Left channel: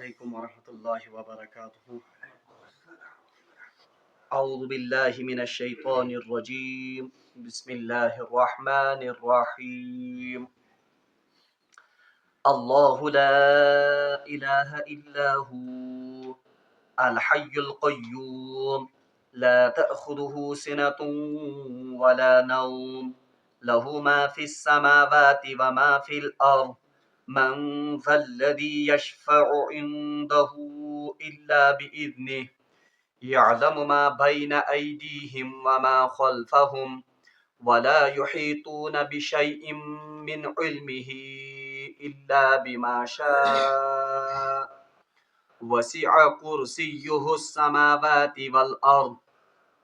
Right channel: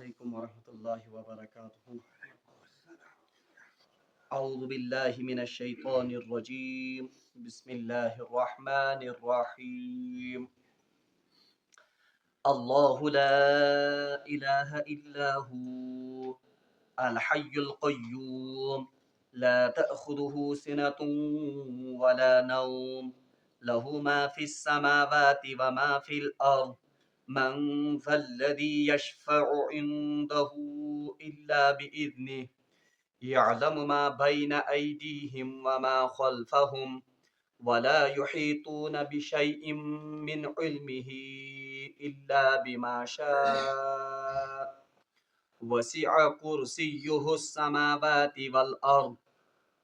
علیکم ورحمۃ اللہ وبرکاتہ. اعوذ باللہ من الشیطان الرجیم. بسم اللہ الرحمن الرحیم. اللہ لا الہ الا هو الحی القیوم لا تأخذه سنة ولا نوم له ما في السماوات وما في الأرض من ذا الذي يشفع عنده إلا بإذنه يعلم ما بين أيديهم وما خلفهم ولا يحيطون بشيء من علمه إلا بما شاء وسع كرسيه السماوات والأرض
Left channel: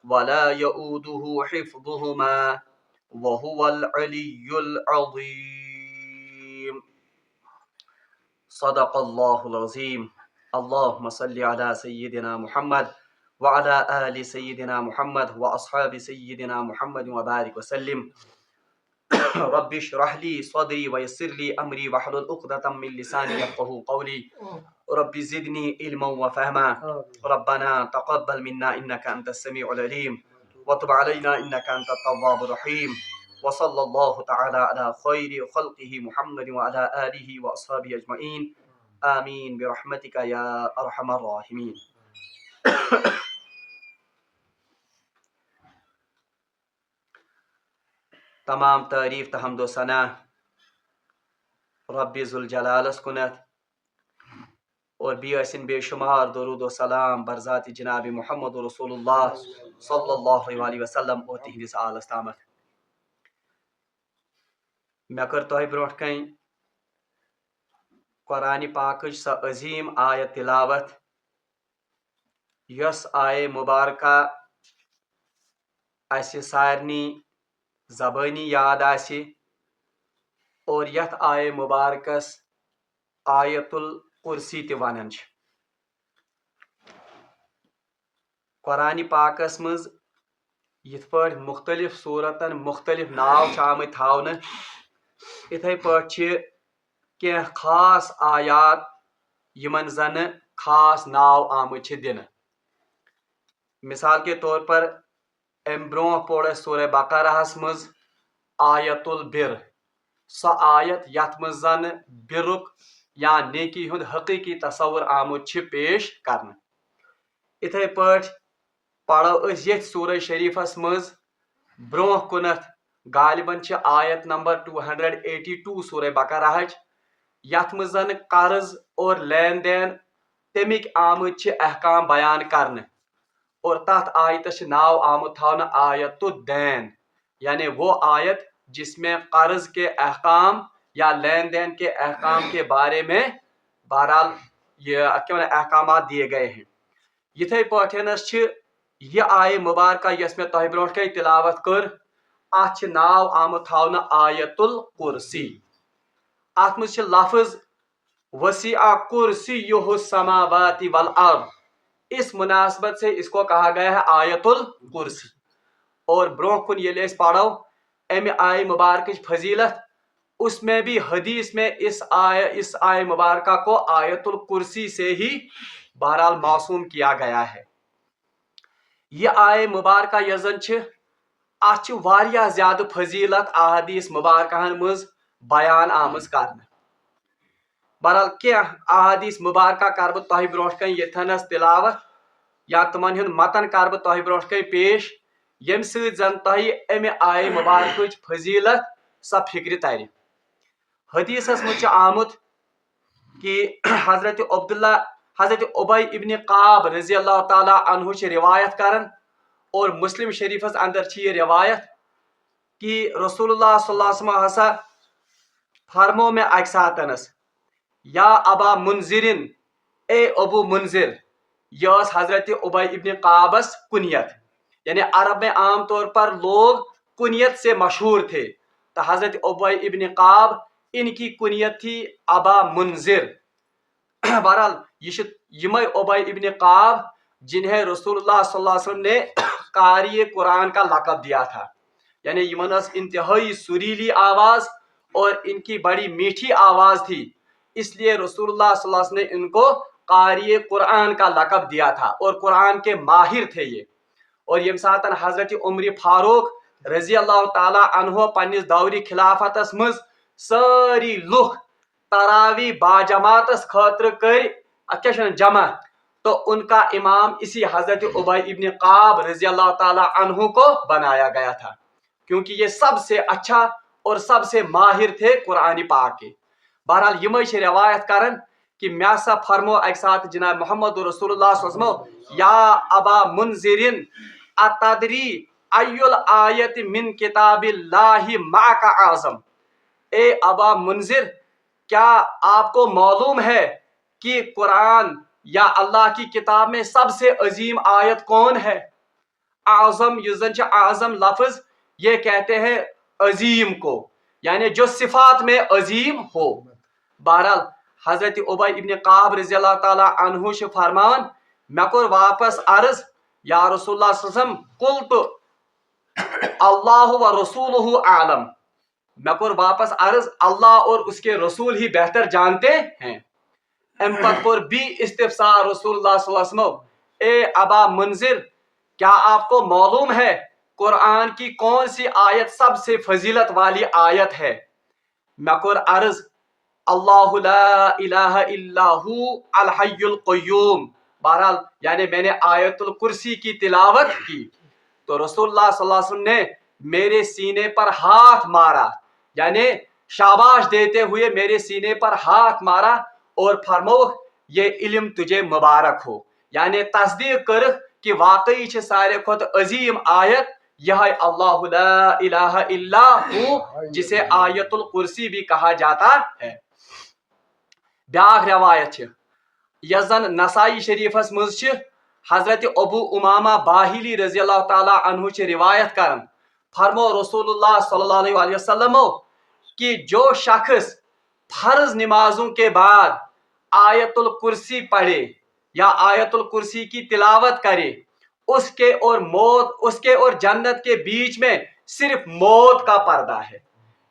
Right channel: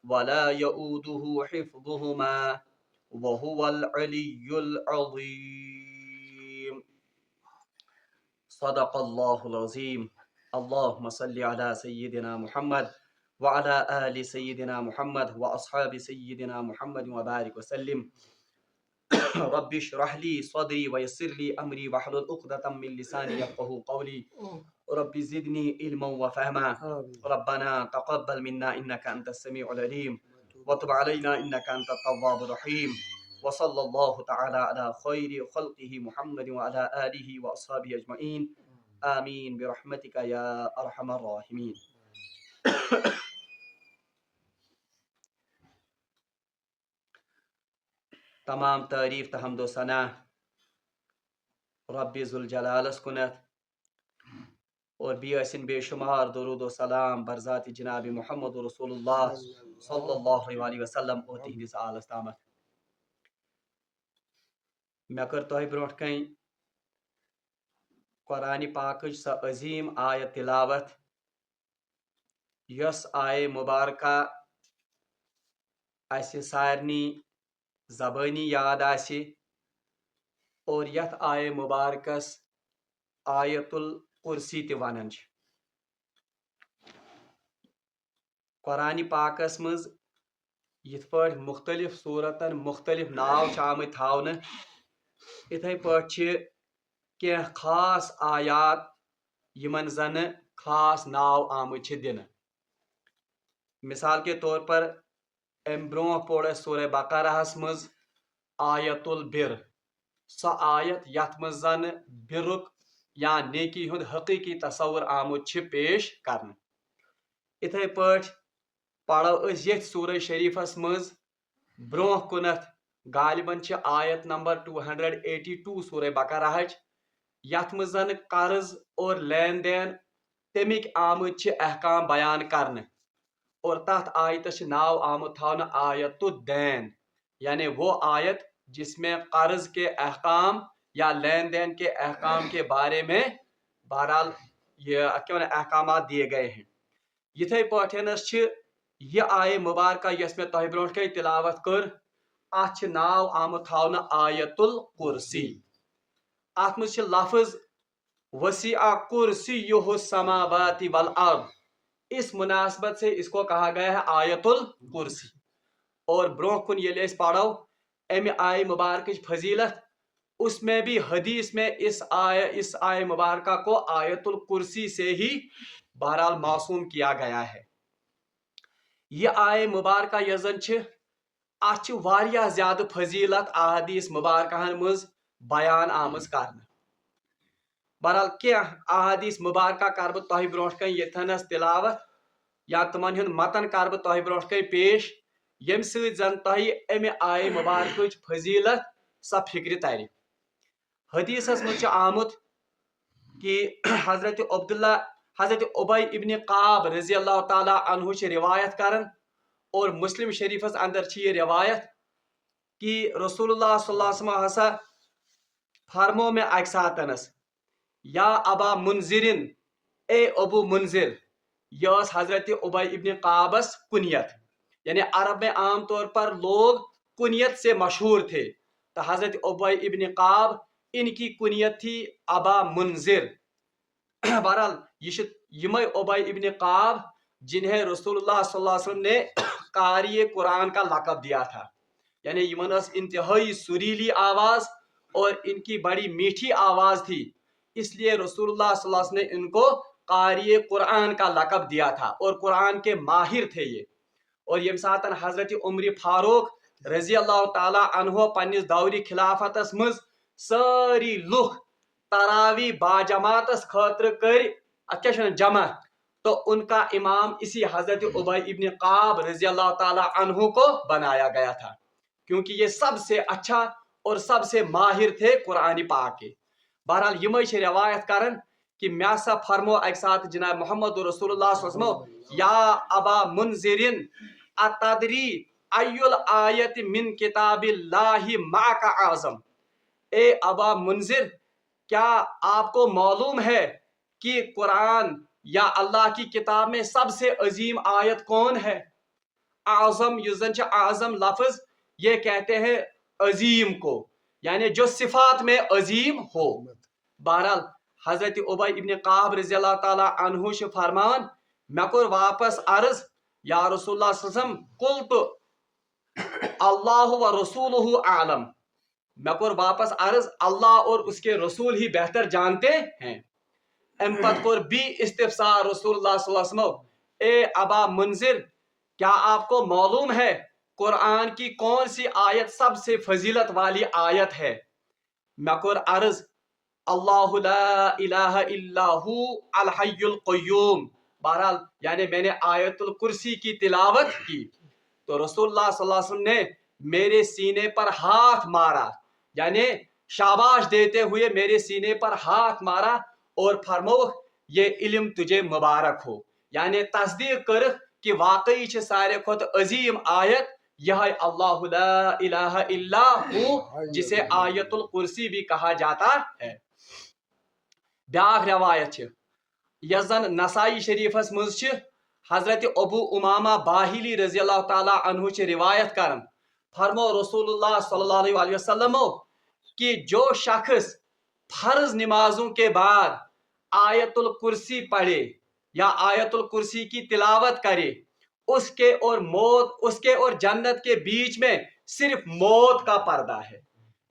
ولا يؤوده حفظهما وهو العلي العظيم. صدق الله العظيم. اللهم صل على سيدنا محمد وعلى آل سيدنا محمد وأصحاب سيدنا محمد وبارك وسلم. رب اشرح لي صدري ويسر لي أمري واحلل عقدة من لساني يفقهوا قولي. رب زدني علما وفهما. ربنا تقبل منا إنك أنت السميع العليم وتب علينا إنك أنت التواب الرحيم. وصلى الله تعالى على خير خلقه محمد وعلى آله وأصحابه أجمعين. آمين برحمتك يا أرحم الراحمين. تمام تعریف تو حمد و ثنا رب ذوالجلالس کنت اور بیسن بے شمار درود و سلام برذات جناب محمد رسول اللہ صلی اللہ علیہ وسلم اور تہندس آلس تامت. مے کر تہ برونٹ کن قرآن پاکچ سا عظیم آیت تلاوت یس آیہ مبارکہ اس سارنی زبانی یاد آسی اور یت آیہ مبارکس آیت الکرسی تہ ونان چھ. قرآن پاکس مز یت پٲٹھۍ مختلف صورتن مختلف ناو چھ آمٕتۍ تھاونہٕ اتھے پٲٹھۍ چھ کینٛہہ خاص آیات یمن زن خاص ناو آمٕتۍ چھ دنہٕ. مثال کے طور پر ام برونٛہہ پوٚر اسہِ سورہ بقرہس مز آیت البر، سۄ آیت یتھ مز زن برُک یا نیکی ہُنٛد حقیقی تصور آمُت چھ پیش کرنہٕ. اتھے پٲٹھۍ پرو أسۍ یتھ سورہ شریفس مز برونٛہہ کُنتھ غالباً چھ آیت نمبر 282 سورہ بقرہچ یتھ مز زن قرض اور لین دین تمیک آمٕتۍ چھ احکام بیان کرنہٕ اور تتھ آیتس چھ ناو آمُت تھاونہٕ آیت الدین، یعنی وہ آیت جس میں قرض کے احکام یا لین دین کے احکام کے بارے میں بہرحال یہ احکامات دیے گئے ہیں. یتھے پٲٹھٮ۪نس چھ یہ آیہ مبارکہ یس میں تۄہہِ برونٛٹھ کَنۍ تلاوت کٔر اتھ چھ ناو آمُت تھاونہٕ آیت الکرسی. اتھ منٛز چھ لفظ وسیع کرسیہ السماوات والارض، اس مناسبت سے اس کو کہا گیا ہے آیت الکرسی. اور برونٛہہ کُن ییٚلہِ أسۍ پرو امہِ آیہ مبارکٕچ فضیلت اس میں بھی حدیث میں اس آیہ مبارکہ کو آیت الکرسی سے ہی بہرحال موسوم کیا گیا ہے. یہ آیہ مبارکہ یس زن چھ اتھ چھ واریاہ زیادہ فضیلت احادیث مبارکہن مز بیان آمٕژ کرنہٕ. بہرحال کینٛہہ احادیث مبارکہ کر بہٕ تۄہہِ برونٛٹھ کَنۍ ییٚتھٮ۪نس تلاوت یا تمن ہُنٛد متن کر بہٕ تۄہہِ برونٛٹھ کَنۍ پیش ییٚمہِ سۭتۍ زن تۄہہِ امہِ آیہ مبارکٕچ فضیلت سۄ فکرِ ترِ. حدیثس منٛز چھُ آمُت کہ حضرت عبی ابن قعب رضی اللہ تعالیٰ عنہ چھ روایت کرن اور مسلم شریفس اندر چھ یہ روایت کہ رسول اللہ صلی اللہ علیہ وسلم ہسا فرمو میں اکہ ساتنس یا ابا منذرن، اے ابو منذر. یہ حضرت عبی ابن قعبس کنیت، یعنی عرب میں عام طور پر لوگ کنیت سے مشہور تھے تو حضرت عبی ابن قعب ان کی کنیت تھی ابا منذر. بہرحال یہ عبی ابن قعب جنہیں رسول اللہ صلی اللہ علیہ وسلم نے قاری قرآن کا لقب دیا تھا، یعنی یمنس انتہائی سریلی آواز اور ان کی بڑی میٹھی آواز تھی، اس لیے رسول اللہ صلی اللہ علیہ وسلم نے ان کو قاری قرآن کا لقب دیا تھا اور قرآن کے ماہر تھے یہ. اور یم ساتن حضرت عمر فاروق رضی اللہ تعالیٰ عنہ پنس دوری خلافتس مز ساری لوگ تراوی باجماعتس خاطر کر جمع, تو ان کا امام اسی حضرت ابی ابن قعب رضی اللہ تعالیٰ عنہ کو بنایا گیا تھا, کیونکہ یہ سب سے اچھا اور سب سے ماہر تھے قرآن پاک کے. بہرحال یہ روایت کرن کہ مے سا فرمو ایک ساتھ جناب محمد رسول اللہ صلی اللہ علیہ وسلم, یا ابا منذرن اتدری ای الآیت من کتاب اللہ معک اعظم, اے ابا منذر کیا آپ کو معلوم ہے کہ قرآن یا اللہ کی کتاب میں سب سے عظیم آیت کون ہے؟ اعظم یزن اعظم لفظ یہ کہتے ہیں عظیم کو, یعنی جو صفات میں عظیم ہو. بہرحال حضرت ابی ابن قعب رضی اللہ تعالیٰ عنہ سے فرمان میں کور واپس عرض یا رسول اللہ صلی اللہ علیہ وسلم قلت اللہ و رسولہ اعلم, میں کور واپس عرض اللہ اور اس کے رسول ہی بہتر جانتے ہیں. امپت پر بھی استفسار رسول اللہ صلی اللہ علیہ وسلم, اے ابا منذر کیا آپ کو معلوم ہے قرآن کی کون سی آیت سب سے فضیلت والی آیت ہے؟ میں کور عرض اللہ لا الہ الا ہو الحی القیوم. بہرحال یعنی میں نے آیت الکرسی کی تلاوت کی تو رسول اللہ صلی اللہ علیہ وسلم نے میرے سینے پر ہاتھ مارا, یعنی شاباش دیتے ہوئے میرے سینے پر ہاتھ مارا اور فرمو یہ علم تجھے مبارک ہو, یعنی تصدیق کر کہ واقعی چھ سارے کھت عظیم آیت یہ اللہ لا الہ الا ہو, جسے آیت الکرسی بھی کہا جاتا ہے. بیاکھ روایت یزن نسائی شریفس مز حضرت ابو امامہ باہلی رضی اللہ تعالیٰ عنہ چھ روایت کرن فرمو رسول اللہ صلی اللہ علیہ وسلم کہ جو شخص فرض نمازوں کے بعد آیت الکرسی پڑھے یا آیت الکرسی کی تلاوت کرے, اس کے اور جنت کے بیچ میں صرف موت کا پردہ ہے,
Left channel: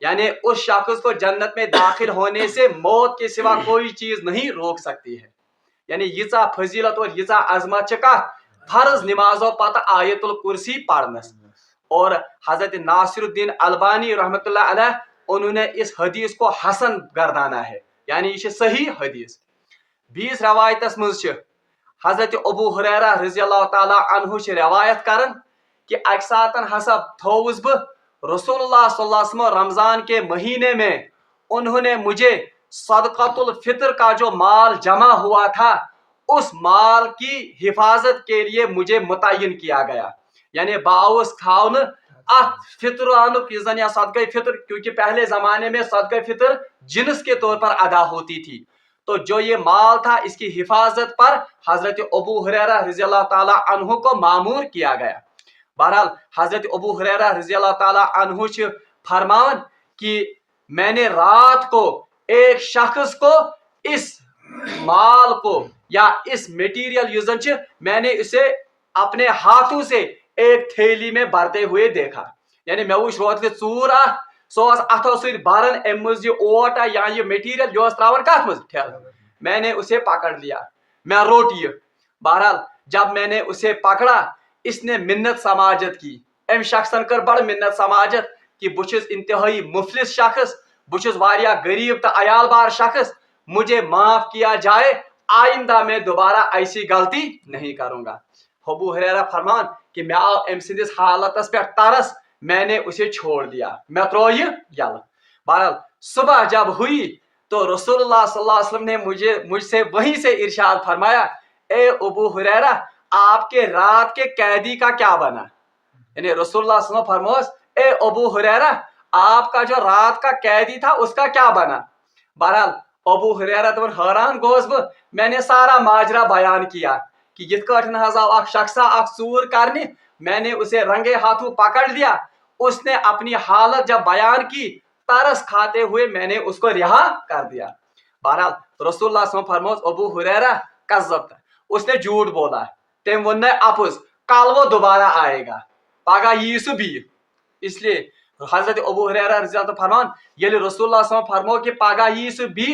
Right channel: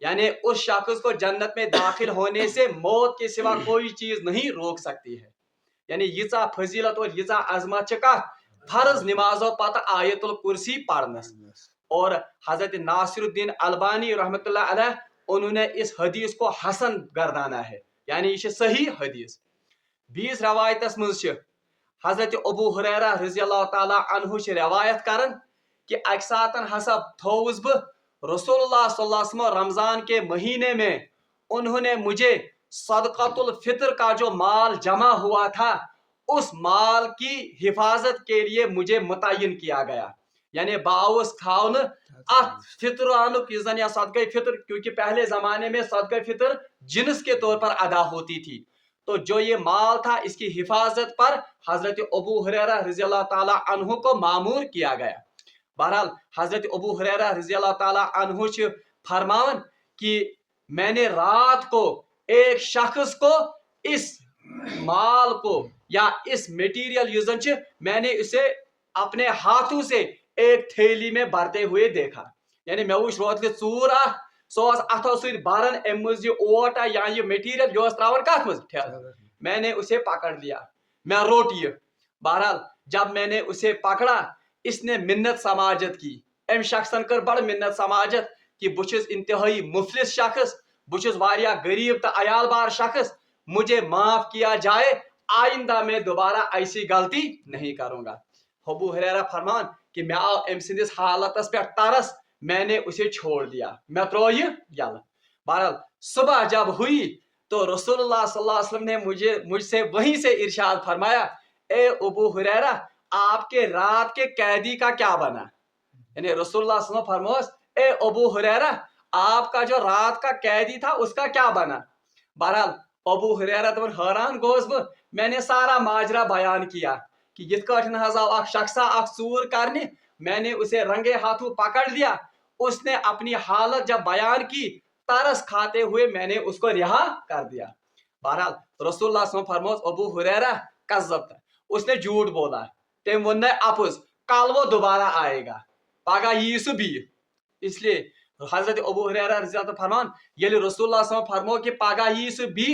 یعنی اس شخص کو جنت میں داخل ہونے سے موت کے سوا کوئی چیز نہیں روک سکتی ہے. یعنی یژا فضیلت اور یژا عظمت چکا فرض نمازوں پتہ آیت الکرسی پڑھنس. اور حضرت ناصر الدین البانی رحمۃ اللہ علیہ انہوں نے اس حدیث کو حسن گردانا ہے, یعنی یہ صحیح حدیث. 20 روایتس مز حضرت ابو ہریرہ رضی اللہ تعالیٰ عنہ سے روایت کرن کہ اک ساتن ہسا تھوس بہ رسول اللہ صلی اللہ علیہ وسلم رمضان کے مہینے میں انہوں نے مجھے صدقۃ الفطر کا جو مال جمع ہوا تھا اس مال کی حفاظت کے لیے مجھے متعین کیا گیا, یعنی باوس کھاؤن فطرانک یا صدقہ فطر, کیونکہ پہلے زمانے میں صدقہ فطر جنس کے طور پر ادا ہوتی تھی, تو جو یہ مال تھا اس کی حفاظت پر حضرت ابو ہریرہ رضی اللہ تعالیٰ عنہ کو مامور کیا گیا. بہرحال حضرت ابو ہریرہ رضی اللہ تعالیٰ عنہ سے فرمان کہ میں نے رات کو ایک شخص کو اس مال کو یا اس میٹیریل یوزن میں نے اسے اپنے ہاتھوں سے ایک تھیلی میں بھرتے ہوئے دیکھا, یعنی میں وچ روت کے ژور سو اتھو ست بھرن ام مز یہ اوٹ یا یہ میٹیریل جو تراون کت مز میں نے اسے پکڑ لیا, میں روٹ یہ. بہرحال جب میں نے اسے پکڑا اس نے منت سماجت کی, ام شخصن کر بڑ منت سماجت کہ بچس انتہائی مفلس شخص, بچس واریاہ غریب تو عیال بار شخص, مجھے معاف کیا جائے, آئندہ میں دوبارہ ایسی غلطی نہیں کروں گا. ابو ہریرہ فرمان کہ میں آو ام سندس حالتس پہ ترس, میں نے اسے چھوڑ دیا, میں ترو یہ یل. بہرحال صبح جب ہوئی تو رسول اللہ صلی اللہ علیہ وسلم نے مجھ سے وہیں سے ارشاد فرمایا, اے ابو ہریرہ آپ کے رات کے قیدی کا کیا بنا؟ یعنی رسول اللہ صلی اللہ علیہ وسلم فرموس اے ابو ہریرہ آپ کا جو رات کا قیدی تھا اس کا کیا بنا؟ بہرحال ابو ہریرہ تو حیران گوس بہ, میں نے سارا ماجرا بیان کیا کہ یت کٹن حض آو اخ شخصا اخ ژور کرنے, میں نے اسے رنگے ہاتھوں پکڑ لیا, اس نے اپنی حالت جب بیان کی ترس کھاتے ہوئے میں نے اس کو رہا کر دیا. بہرحال رسول اللہ صلی اللہ علیہ وسلم فرموس ابو ہریرہ کذبت, اس نے جھوٹ بولا, تم ون اپز, کل وہ دوبارہ آئے گا, پگہ یہ سہ بی. اس لیے حضرت ابو ہریرہ رضی اللہ عنہ فرمان یل رسول اللہ صلی اللہ علیہ وسلم فرمو کہ پگہ یہ سہ بی,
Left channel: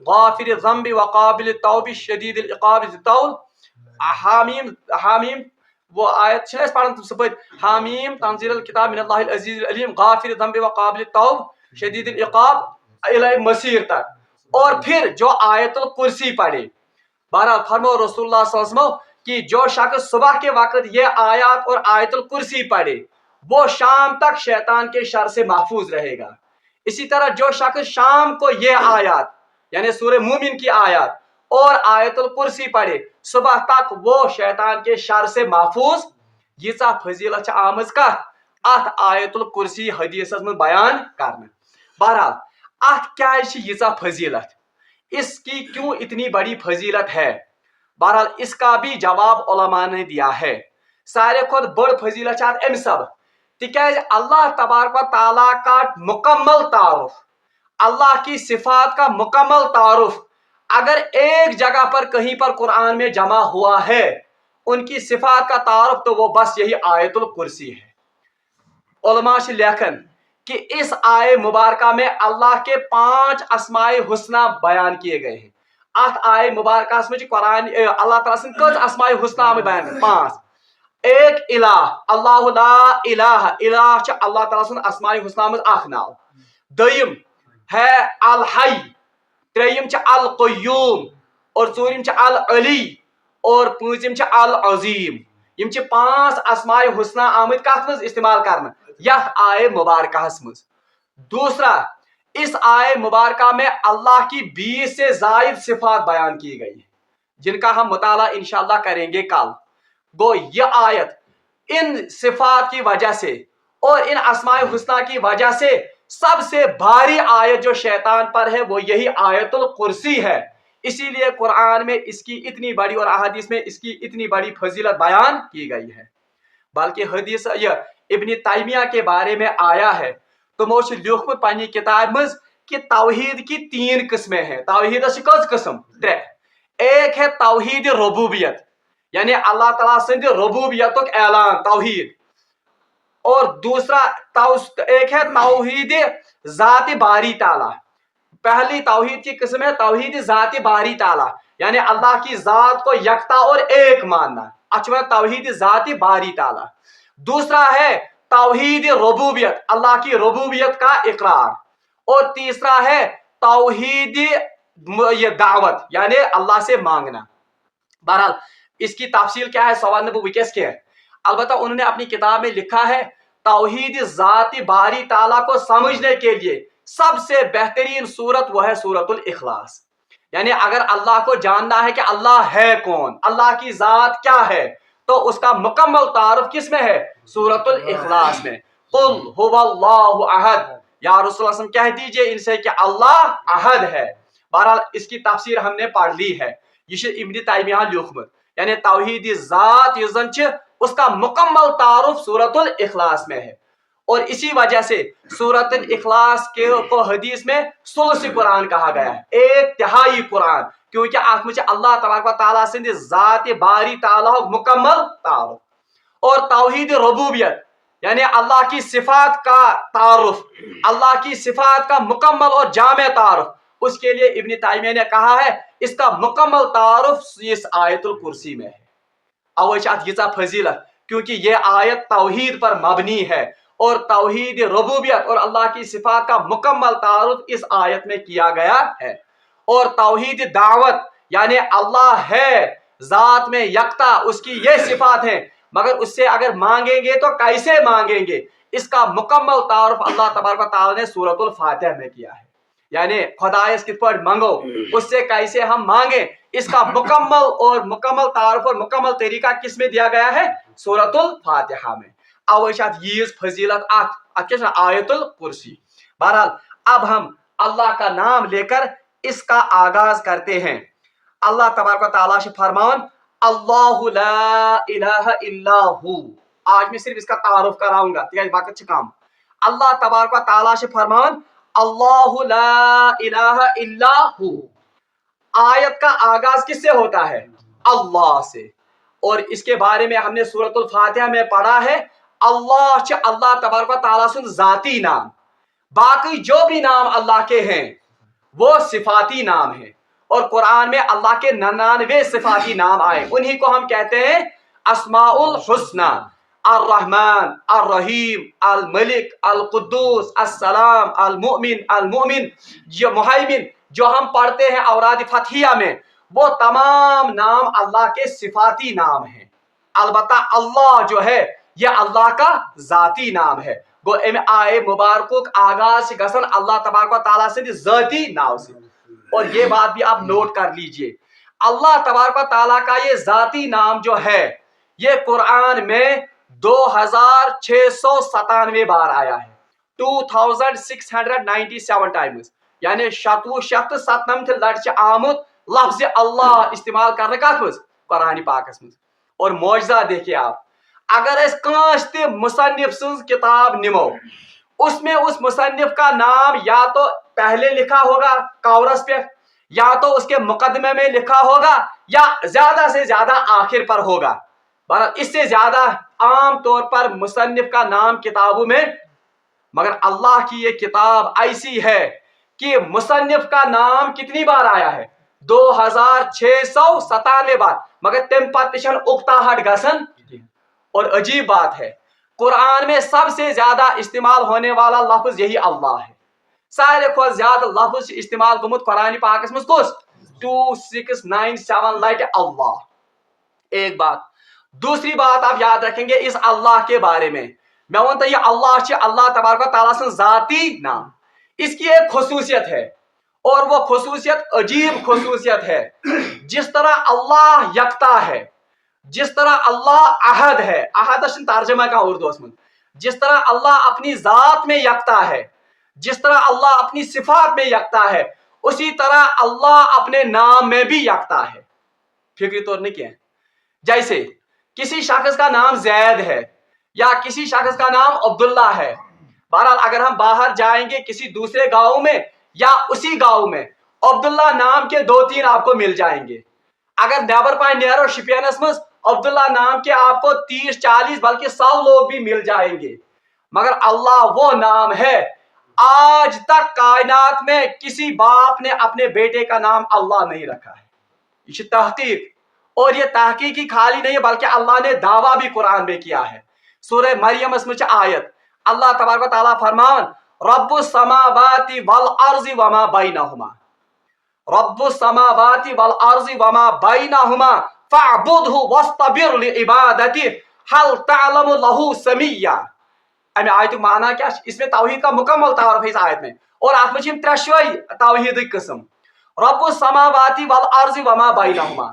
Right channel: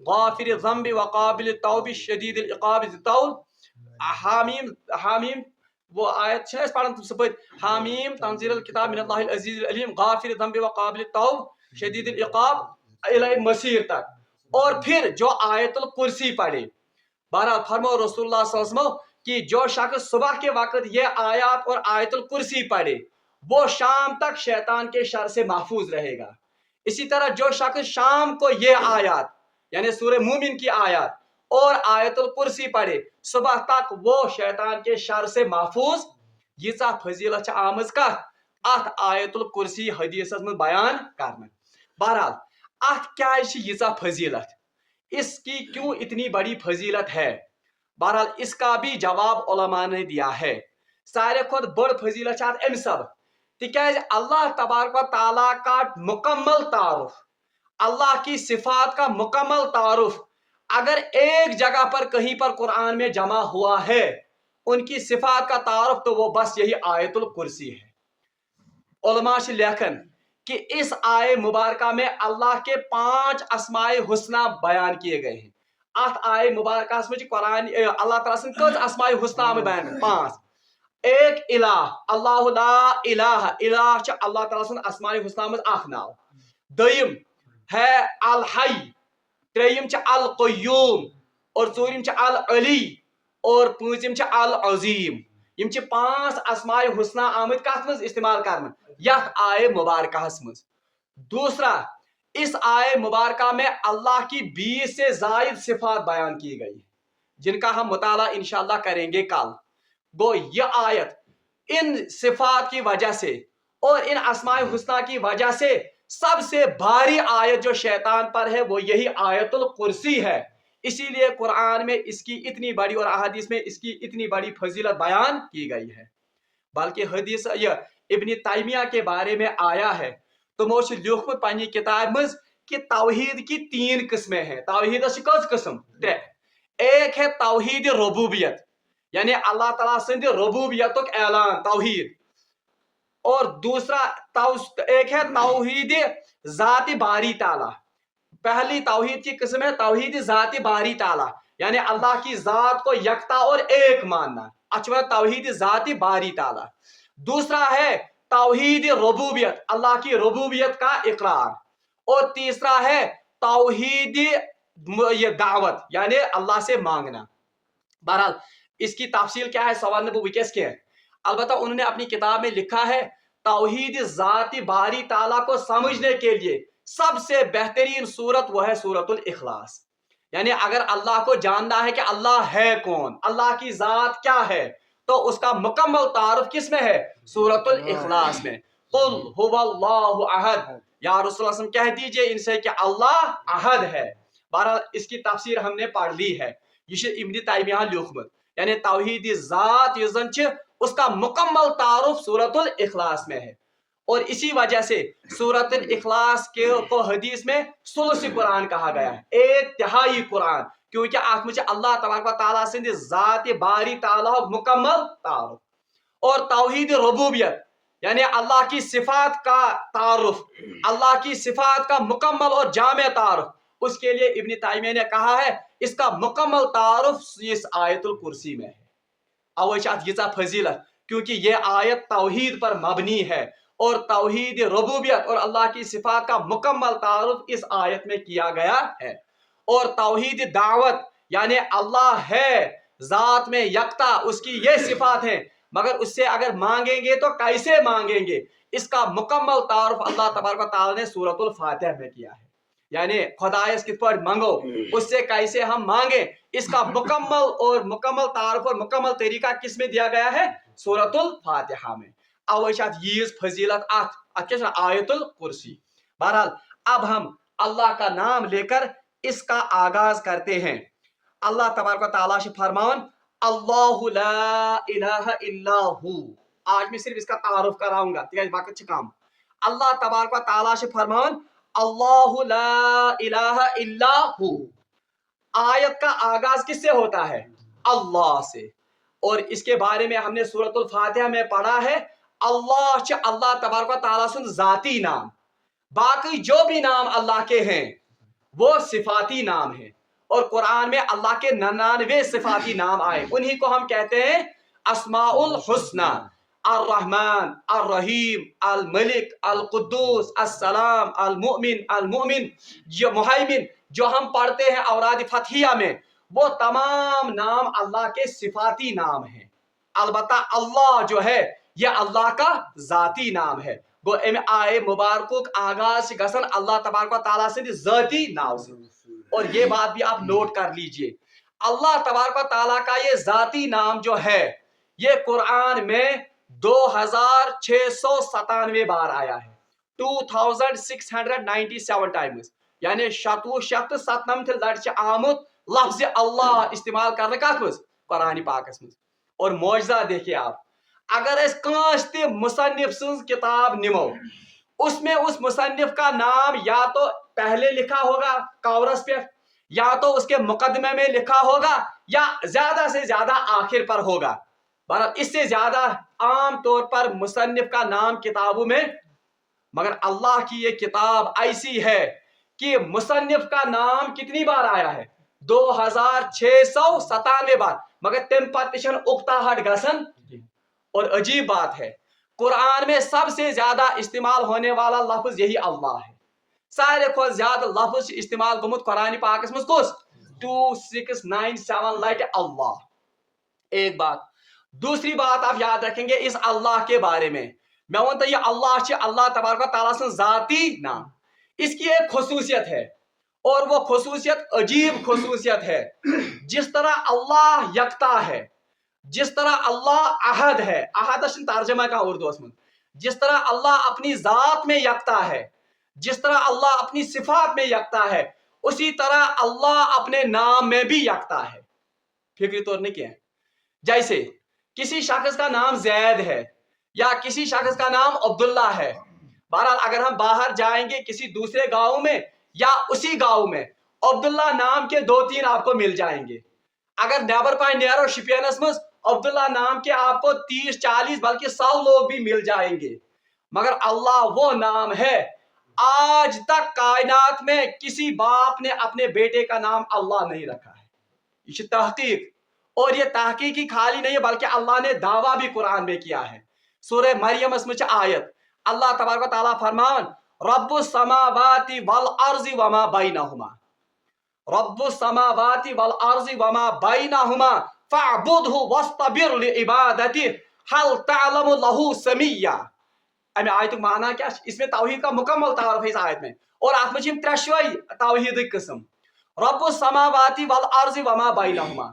غافر الذنب وقابل التوب شدید العقاب ذی الطول. حامیم حامیم وہ آیت چھِ أسۍ پران صبح حامیم تنزیل الکتاب من اللہ العزیز العلیم غافر الذنب وقابل التوب شدید العقاب الی مسیر تک. اور پھر جو آیت الکرسی پڑھے. بہرحال فرمو رسول اللہ صلی اللہ علیہ وسلم کہ جو شخص صبح کے وقت یہ آیات اور آیت الکرسی پڑھے وہ شام تک شیطان کے شر سے محفوظ رہے گا. اسی طرح جو شخص شام کو یہ آیات یعنی سورہ مومن کی آیات اور آیت الکرسی پڑھے صبح تک وہ شیطان کے شر سے محفوظ. ییژا فضیلت چھ آمٕژ کتھ ات آیت الکرسی حدیثس میں بیان کرنے. بہرحال ات کیازِ چھ ییژا فضیلت, اس کی کیوں اتنی بڑی فضیلت ہے؟ بہرحال اس کا بھی جواب علماء نے دیا ہے. سارے کھت بڑ فضیلت چھ ات امہ سبب تکیاز اللہ تبارک و تعالیٰ کا مکمل تعارف, اللہ کی صفات کا مکمل تعارف اگر ایک جگہ پر کہیں پر قرآن میں جمع ہوا ہے ان کی صفات کا تعارف تو وہ بس یہی آیت الکرسی ہے. علماء سے لیکن کہ اس آئے مبارکہ میں اللہ کے 5 اسماء حسنہ بیان کیے گئے ہیں. ات آئے مبارکہ میں قرآن اللہ تعالیٰ سن کچھ اسماء حسنہ میں بیان 5. ایک الہ اللہ لا الہ الہ چھ اللہ تعالیٰ سن اسماء حسنہ میں اخ ناو. دویم ہے الحی, تریم چھ القیوم اور ژوٗرِم چھ العلی اور پوٗنٛژِم چھ العظیم. یم چھ 5 اسماء حسنہ آمت کت مز استعمال کرنا یتھ آئے مبارکہ مز. دوسرا اس آئے مبارکہ میں اللہ کی 20 سے زائد صفات بیان کی گئی جن کا ہم مطالعہ انشاءاللہ کریں گے کل. گو یہ آیت ان صفات کی وجہ سے اور ان اسماء حسنہ کی وجہ سے سب سے بھاری آیت جو شیطان پر ہے وہ یہی آیت الکرسی ہے. اسی لیے قرآن میں اس کی اتنی بڑی اور احادیث میں اس کی اتنی بڑی فضیلت بیان کی گئی ہے. بلکہ حدیث یہ ابن تیمیہ کے بارے میں آیا ہے تمو چھ لیوکھمت پننہِ کتاب مز کہ توحید کی 3 قسمیں ہیں. توحید چھ کٔژ قسم 3. ایک ہے توحید ربوبیت یعنی اللہ تعالیٰ سند ربوبیتک اعلان توحید, اور دوسرا ایک ہے توحید ذات باری تعالیٰ. پہلی توحید کی قسم ہے توحید ذات باری تعالیٰ یعنی اللہ کی ذات کو یکتا اور ایک ماننا, اچھا توحید ذات باری تعالیٰ. دوسرا ہے توحید ربوبیت اللہ کی ربوبیت کا اقرار, اور تیسرا ہے توحید یہ دعوت یعنی اللہ سے مانگنا. بہرحال اس کی تفصیل کیا ہے سوال نبو وکیس کے ہے, البتہ انہوں نے اپنی کتاب میں لکھا ہے توحید ذات باری تعالیٰ کو سمجھنے کے لیے سب سے بہترین صورت وہ ہے سورۃ الاخلاص. یعنی اگر اللہ کو جاننا ہے کہ اللہ ہے کون, اللہ کی ذات کیا ہے, تو اس کا مکمل تعارف کس میں ہے سورۃ الاخلاص میں. قل هو اللہ احد, یا رسول اللہ صلی اللہ علیہ وسلم کہہ دیجئے ان سے کہ اللہ احد ہے. بہرحال اس کی تفسیر ہم نے پڑھ لی ہے, یہ ابن تیمیہ لیوکھمت یعنی توحید ذات یہ زن اس کا مکمل تعارف سورۃ الاخلاص میں ہے. اور اسی وجہ سے سورۃ الاخلاص کو حدیث میں ثلث قرآن کہا گیا ہے, 1/3 قرآن, کیونکہ آت میں اللہ تبارک و تعالیٰ سند ذات باری تعالیٰ مکمل تعارف. اور توحید ربوبیت یعنی اللہ کی صفات کا تعارف, اللہ کی صفات کا مکمل اور جامع تعارف, اس کے لیے ابن تیمیہ نے کہا ہے اس کا مکمل تعارف اس آیت الکرسی میں ہے. اوے چھ ییژا فضیلت کیونکہ یہ آیت توحید پر مبنی ہے اور توحید ربوبیت اور اللہ کی صفات کا مکمل تعارف اس آیت میں کیا گیا ہے. اور توحید دعوت یعنی اللہ ہے ذات میں یکتا, اس کی یہ صفات ہیں, مگر اس سے اگر مانگیں گے تو کیسے مانگیں گے, اس کا مکمل تعارف اللہ تبارک و تعالیٰ نے سورۃ الفاتحہ میں کیا ہے. یعنی خدایس کت پڑھ منگو, اس سے کیسے ہم مانگیں, اس کا مکمل تعارف اور مکمل طریقہ کس میں دیا گیا ہے سورۃ الفاتحہ میں. اوے چھ ییز فضیلت ات آیت الکرسی. بہرحال اب ہم اللہ کا نام لے کر اس کا آغاز کرتے ہیں. اللہ تبارک و تعالیٰ سے فرمان اللہ لا الہ الا ہو. آج میں صرف اس کا تعارف کراؤں گا تیز وقت چھ کم. اللہ تبارک و تعالیٰ سے فرمان اللہ لا الہ الا ہو. آیت کا آغاز کس سے ہوتا ہے اللہ سے, اور اس کے بارے میں ہم نے سورۃ الفاتحہ میں پڑھا ہے اللہ اللہ تبارک و تعالیٰ سن ذاتی نام, باقی جو بھی نام اللہ کے ہیں وہ صفاتی نام ہیں. اور قرآن میں اللہ کے 99 صفاتی نام آئے، انہی کو ہم کہتے ہیں اسماء الحسنى، الرحمن، الرحیم، الملک، القدوس، السلام، المؤمن، یہ مہیمن جو ہم پڑھتے ہیں اوراد فتحیہ میں، وہ تمام نام اللہ کے صفاتی نام ہیں۔ البتہ اللہ جو ہے یہ اللہ کا ذاتی نام ہے، گو ام آئے مبارکوک آغاز سے گسن اللہ تبارک و تعالیٰ سے ذاتی نام سے۔ اور یہ بات بھی آپ نوٹ کر لیجئے، اللہ تبارک و تعالیٰ کا یہ ذاتی نام جو ہے یہ قرآن میں 2697 بار آیا ہے، 2697 ٹائمز، یعنی 697 لٹہ آمت لفظ اللہ استعمال کرنے کت مز قرآن پاکس مز۔ اور معجزہ دیکھیے آپ، اگر اس کانس تہ مصنف سنز کتاب نمو، اس میں اس مصنف کا نام یا تو پہلے لکھا ہوگا کورس پہ، یا تو اس کے مقدمے میں لکھا ہوگا، یا زیادہ سے زیادہ آخر پر ہوگا، اس سے زیادہ عام طور پر مصنف کا نام کتابوں میں، مگر اللہ کی یہ کتاب ایسی ہے کہ مصنف کا نام کتنی بار آیا ہے؟ 2697 بار، مگر تم پتشن اکتاہٹ گسن۔ اور عجیب بات ہے، قرآن میں سب سے زیادہ استعمال ہونے والا لفظ یہی اللہ ہے، سارے کو زیادہ لفظ استعمال گمت قرآن پاکس مز کس 2697 لٹہ اللہ۔ ایک بات، دوسری بات آپ یاد رکھیں گے اس اللہ کے بارے میں ونتا یہ اللہ تبارک و تعالیٰ سے ذاتی نام، اس کی ایک خصوصیت ہے، اور وہ خصوصیت عجیب خصوصیت ہے۔ جس طرح اللہ یکتا ہے، جس طرح اللہ احد ہے، احد ترجمہ کا اردو میں، جس طرح اللہ اپنی ذات میں یکتا ہے، جس طرح اللہ اپنی صفات میں یکتا ہے، اسی طرح اللہ اپنے نام میں بھی یکتا ہے۔ فکری طور نہیں کیا، جیسے کسی شخص کا نام زید ہے یا کسی شخص کا نام عبداللہ ہے، بہرحال اگر ہم باہر جائیں گے کسی دوسرے گاؤں میں یا اسی گاؤں میں عبداللہ نام کے 2-3 آپ کو مل جائیں گے۔ اگر نیبر پائن نیرو شپینس مز عبداللہ نام کے آپ کو 30-40 بلکہ 100 لوگ بھی مل جائیں گے، مگر اللہ وہ نام ہے، آج تک کائنات میں کسی باپ نے اپنے بیٹے کا نام اللہ نہیں رکھا ہے۔ یہ تحقیق، اور یہ تحقیقی خالی نہیں بلکہ اللہ نے دعویٰ بھی قرآن میں کیا ہے۔ سورہ مریم اس میں آیت اللہ تبارک و تعالیٰ فرمان رب السماوات والارض وما بینہما، رب السماوات والارض وما بینہما فاعبدہ واصطبر لعبادتہ هل تعلم له سمیہ۔ امی آیت معنی کیا؟ اس میں توحید کا مکمل تعارف ہے اس آیت میں، اور آپ میں ترشوئی توحید قسم، رب السماوات والارض وما بینہما،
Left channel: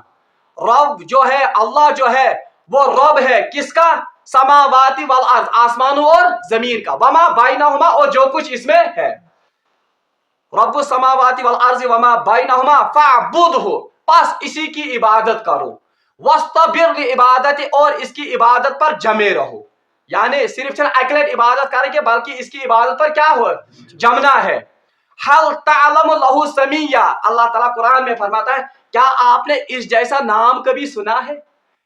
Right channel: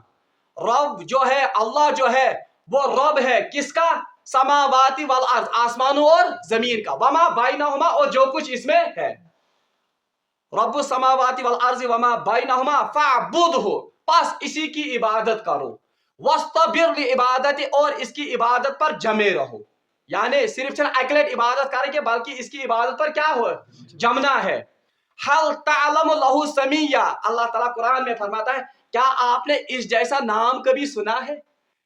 رب جو ہے اللہ جو ہے وہ رب ہے کس کا؟ سماواتی والارض، آسمانوں اور زمین کا، وما بینہما اور جو کچھ اس میں ہے، رب السماواتی والارض وما بینہما فاعبدہ، پس اسی کی عبادت کرو، واصطبر لعبادت، اور اس کی عبادت پر جمے رہو، یعنی صرف اکیلے عبادت کریں گے بلکہ اس کی عبادت پر کیا ہو جمنا ہے۔ حل تعلم لہ سمیہ، اللہ تعالیٰ قرآن میں فرماتا ہے کیا آپ نے اس جیسا نام کبھی سنا ہے؟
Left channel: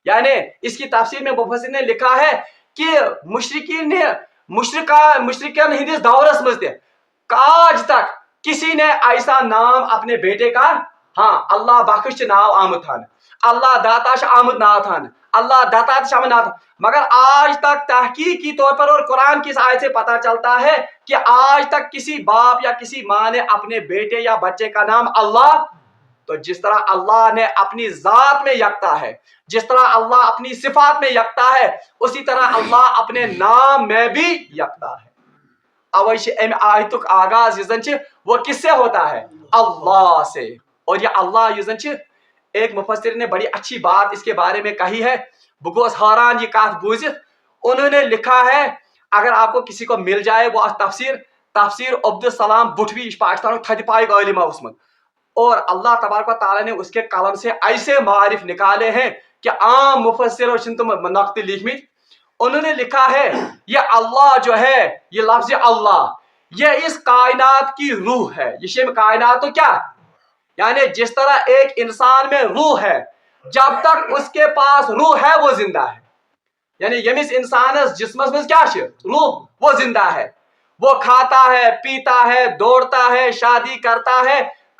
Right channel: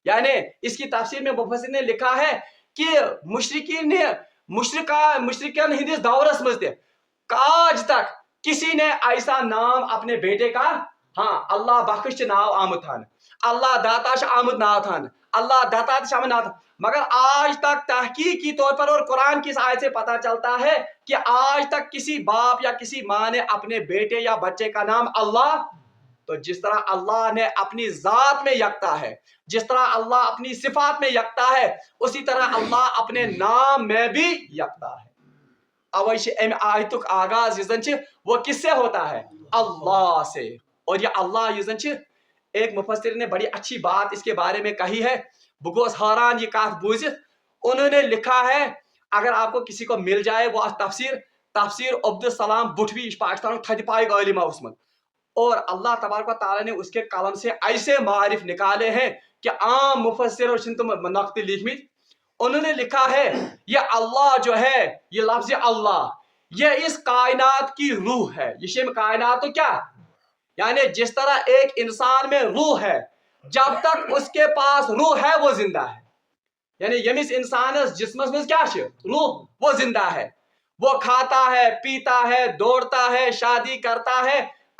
یعنی اس کی تفسیر میں مفسر نے لکھا ہے کہ مشرکین ہندس دورس مز آج تک کسی نے ایسا نام اپنے بیٹے کا، ہاں اللہ بخش ناو آمد تھان، اللہ داتا آمد ناو تھان، اللہ داتا آمد ناو تھان، مگر آج تک تحقیقی طور پر اور قرآن کی اس آیت سے پتہ چلتا ہے کہ آج تک کسی باپ یا کسی ماں نے اپنے بیٹے یا بچے کا نام اللہ، تو جس طرح اللہ نے اپنی ذات میں یکتا ہے، جس طرح اللہ اپنی صفات میں یکتا ہے، اسی طرح اللہ اپنے نام میں بھی یکتا ہے۔ اویش ام آیتک آغاز یزن وہ کس سے ہوتا ہے؟ اللہ سے۔ اور یہ اللہ یزن ایک مفسر نے بڑی اچھی بات اس کے بارے میں کہی ہے، بگوس حیران یہ کات بوزت، انہوں نے لکھا ہے اگر آپ کو کسی کو مل جائے وہ تفسیر عبدالسلام بٹوی پاکستان تھد پائے عالم عثمت، اور اللہ تبارک و تعالیٰ نے اس کے قلم سے ایسے معارف نکالے ہیں کہ عام مفسروں نے تم نقط لکھمت، انہوں نے لکھا ہے یہ اللہ جو ہے یہ لفظ اللہ یہ اس کائنات کی روح ہے، یہ شیم کائنات تو کیا، یعنی جس طرح ایک انسان میں روح ہے، جب تک اس کے پاس روح ہے وہ زندہ ہے، یعنی یمس انسان جسمس میں کیا روح، وہ زندہ ہے، وہ کھاتا ہے، پیتا ہے، دوڑتا ہے، شادی کرتا ہے،